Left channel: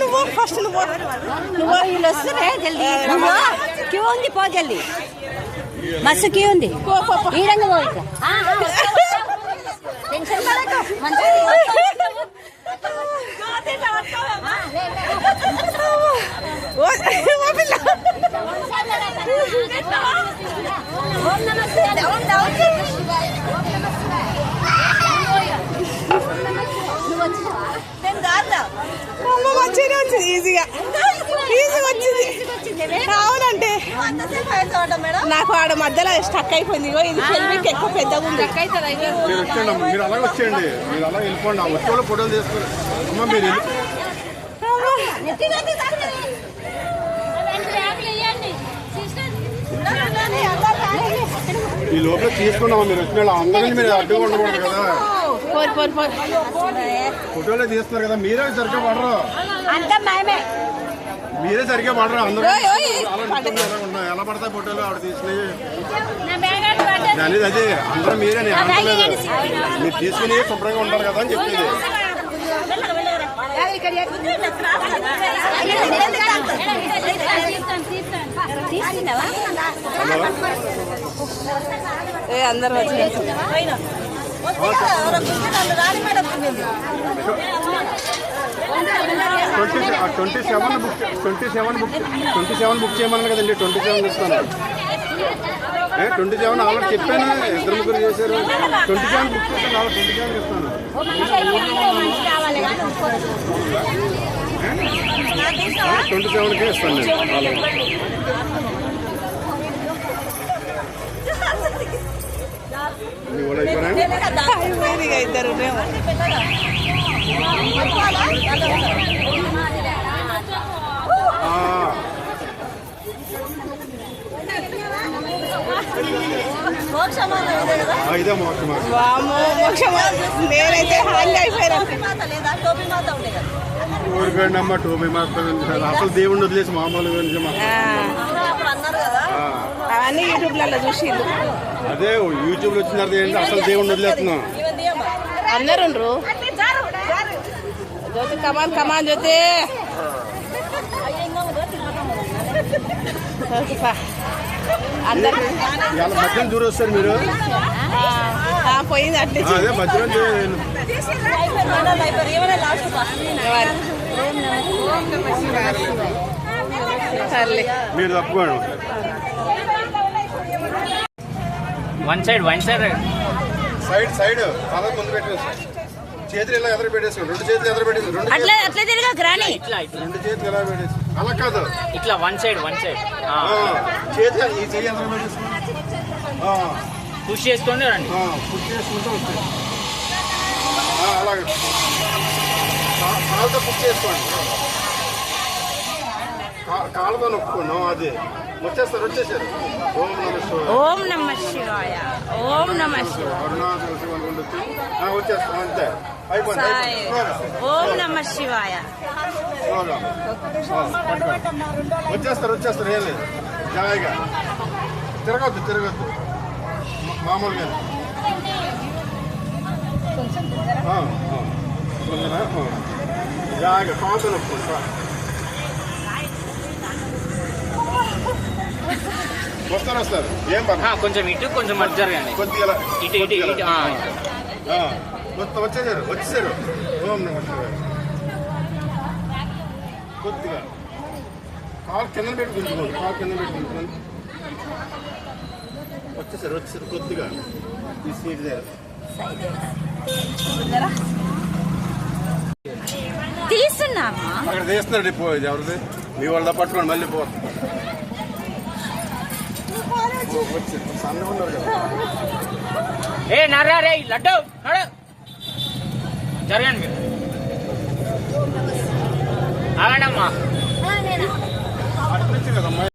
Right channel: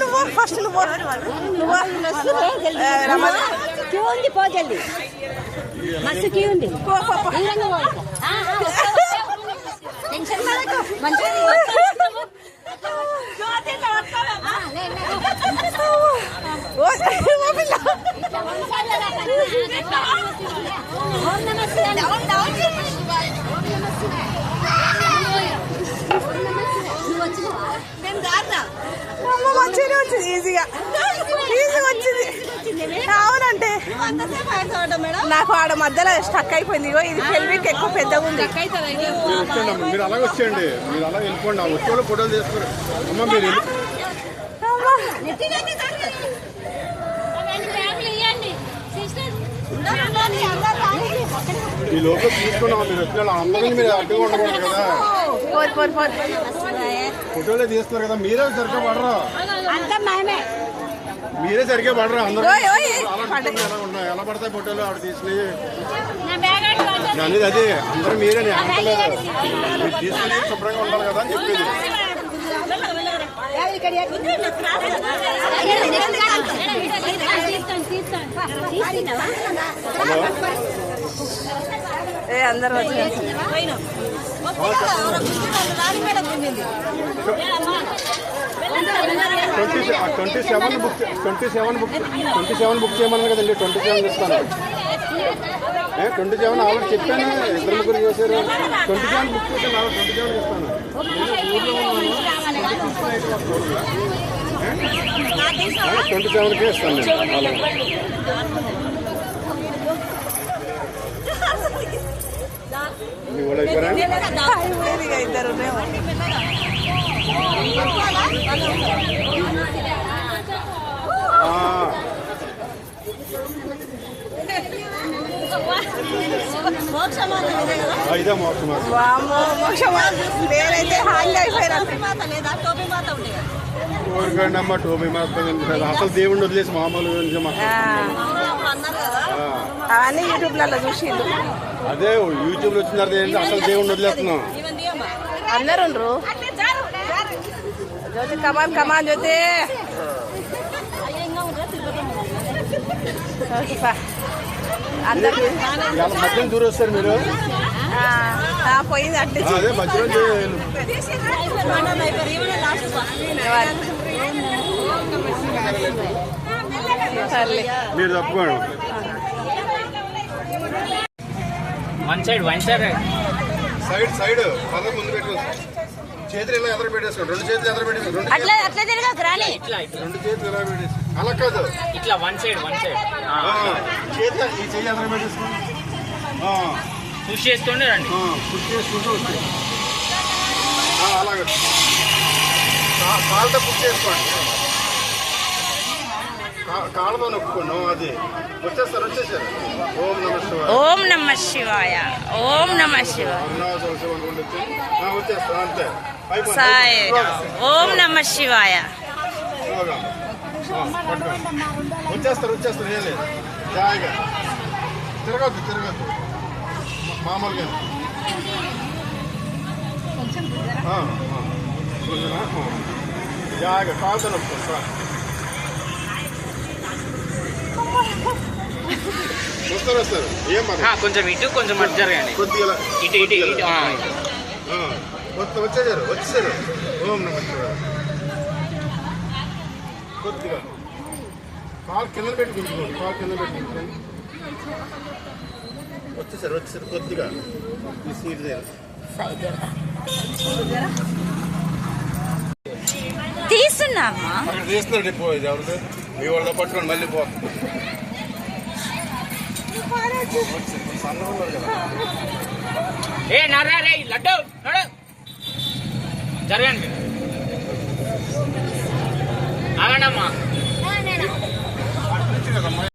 నువ్వు ఫస్ట్ నువ్వు క్యూ ఉంది, పో జల్దీ. బస్సు క్యూ ఉంది. మంచిగా వచ్చింది, ఈజీగా వచ్చింది. అవునంటే నాకు ఆడ మధ్యలో స్టక్ అయిపోయింది. ఇది హెల్మెట్ ఎక్కువ పెద్దగా ఉంది. మీరు అలా వచ్చేయండి, మీరు అలా వెళ్ళిపోండి. ఆ వచ్చే వాళ్ళు ఫోటోలు తీసుకోండి. మీరు ఈ లోపల తీసుకున్నాం. మీరు వచ్చిన అందరినీ మీరు అడ్డుగా ఉండకూడదు కదా. ఫోటోలే తీస్తున్నారు కదా, మీరే సరిగ్గా పడరు. మీరే సరిగ్గా పడరు. అందరూ ఎలా పడతాయి ఫోటోలు ఆవిడ తీసినవి అనేది. అదే అందరూ మీరే అనట్లేదు. మీరు తీసుకుని శుభ్రంగా ఉండాలి కదా అని చెప్పేది. అందరూ వచ్చి 27 బుక్ చేయమన్నా కదండి. 27 ఇస్తాను. 27 ఆల్రెడీ చెప్పాను. ఇద్దరు ముగ్గురు చేశారు. 27 బుక్ చేస్తాను. 27 ఇస్తాను. 27కే ఇస్తాను నేను. వాళ్ళు అయిపోయినా ఇద్దరు ఇదే మోసం. నేనైతే హాంగ్ అయిపోయాను. చూడకండి అమ్మ, టోపీ మాత్రం అసలు దేవుడిని వదిలేసి మామూలుగా అవన్నీ యూట్యూబ్లలో చూసిండు. అదే యూట్యూబ్ లో వచ్చిన తర్వాత ఏంటి, అసలు దేవుడిని వదిలేస్తున్నాం. అందరు జ్యోతి కమాన్ జ్యోతి. అందరు మధ్యలో దూరం వస్తారు మీరు. పోయింది అట్లే. అదే మధ్యలో మీరు తప్పుకోండి. వన్ సైడ్ అలా ముందు పెట్టేసి చేతులు ఇలా ఎదురు పెట్టేసుకోండి. 2 చేతులు ఎదురు పెట్టేసి 2 చేతులు ఇలా పెట్టేసి అలా కాదు, ఇట్లా వన్ సైడ్ చేతులు ఈ చేయి ఎదురు పెట్టేసుకోండి. పుష్ చేస్తుండే రండి. పుష్ చేసుకుంటూ వచ్చి అలాగే కాళ్ళతో పుష్ చేసుకోండి. కాళ్ళతో నొక్కుకోండి. అది వచ్చేస్తారు. ఓం నమ శివాయ. ఓం నమ శివాయ. వచ్చేస్తారు అంతే. ఓం నమ శివాయ. వచ్చేస్తారు. ఏం లేదు, జాయిగా తిరగద్దు మామూలుగా. జాయిగా కాలుతో నొప్పుకోండి సార్. వస్తారు. ఏం కొంచెం ఇటు కొంచెం అటు జరగండి. కొద్దిగా ఇటు వచ్చేసారు. ఓం నమ శివాయ. కొద్దిగా కాలు కింద పెట్టుకుంటున్నాం. వచ్చేసారు. కొద్దిగా తీస్తున్నామా తీస్తున్నాడు. పోయేది ఎవరిది? మీ వాళ్ళ పట్టుకోండి. మళ్ళీ సన్నగా ఉన్నారు కదా. లడ్డు జరగండి. ఆగండమ్మా.